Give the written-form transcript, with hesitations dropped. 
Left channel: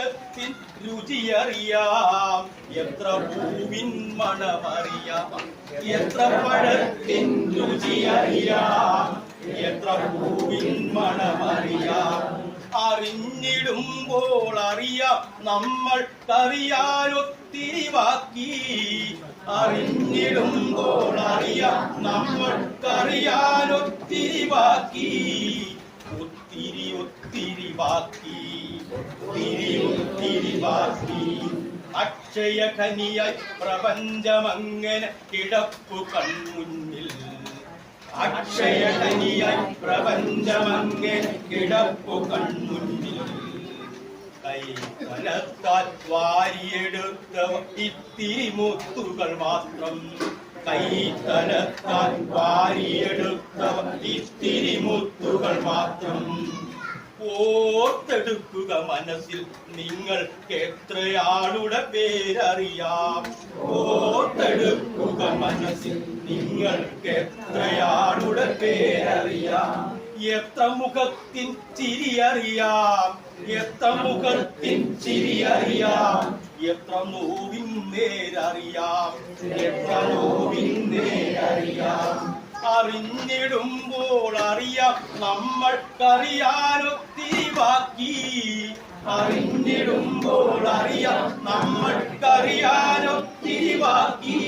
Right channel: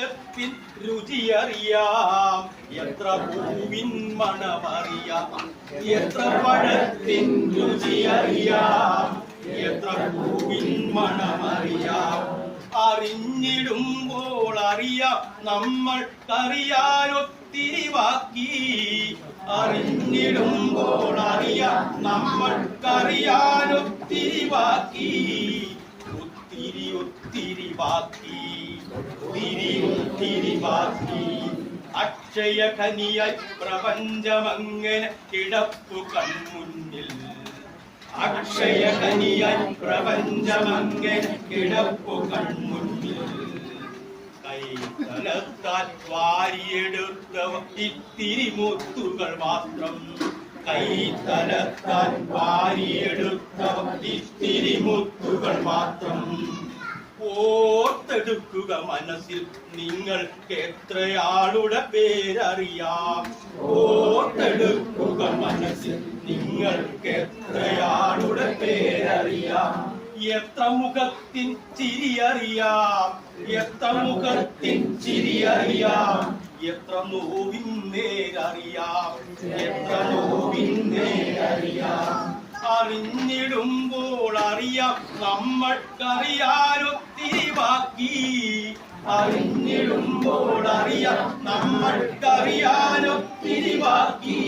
മുഖത്തിൻ രുചിയറിയാം, എത്ര പൂവിൻ മണമറിയാം, എത്ര പഴത്തിൻ രുചിയറിയാം, എത്ര പൂവിൻ മണമറിയാം. അറിഞ്ഞിടുമ്പോൾ അറിയാം നമ്മൾക്കറിയാനൊത്തിരി ബാക്കി, അറിഞ്ഞിടുമ്പോൾ അറിയാം നമ്മൾക്കറിയാനൊത്തിരി ബാക്കി, ഒത്തിരി ഒത്തിരി ബാക്കി, ഒത്തിരി ഒത്തിരി ബാക്കി. അക്ഷയ ഖനിയായി പ്രപഞ്ചമങ്ങനെ കിടപ്പു കൺമുന്നിൽ, അക്ഷയ ഖനിയായി പ്രപഞ്ചമങ്ങനെ കിടപ്പു കൺമുന്നിൽ. കൈ കനത്താൽ വാരിയെടുത്തവ ഇത്തിരി മുത്തുകൾ മാത്രം, കൈ കനത്താൽ വാരിയെടുത്തവ ഇത്തിരി മുത്തുകൾ മാത്രം. ഓർത്തെടുക്കുക മനസ്സിൽ നിങ്ങൾക്ക് എത്രയാളുടെ പേരറിയാം, ഓർത്തെടുക്കുക മനസ്സിൽ നിങ്ങൾക്ക് എത്രയാളുടെ പേരറിയാം. എത്ര മുഖത്തിൻ ചിരിയറിയാം, എത്ര മുഖത്തിൻ ചിരിയറിയാം, എത്ര നോവിൻ നേരറിയാം, എത്ര നോവിൻ നേരറിയാം. അറിഞ്ഞിടുമ്പോൾ അറിയാം നമ്മൾക്കറിയാനൊത്തിരി ബാക്കി, അറിഞ്ഞിടുമ്പോൾ അറിയാം നമ്മൾക്കറിയാനൊത്തിരി ബാക്കി,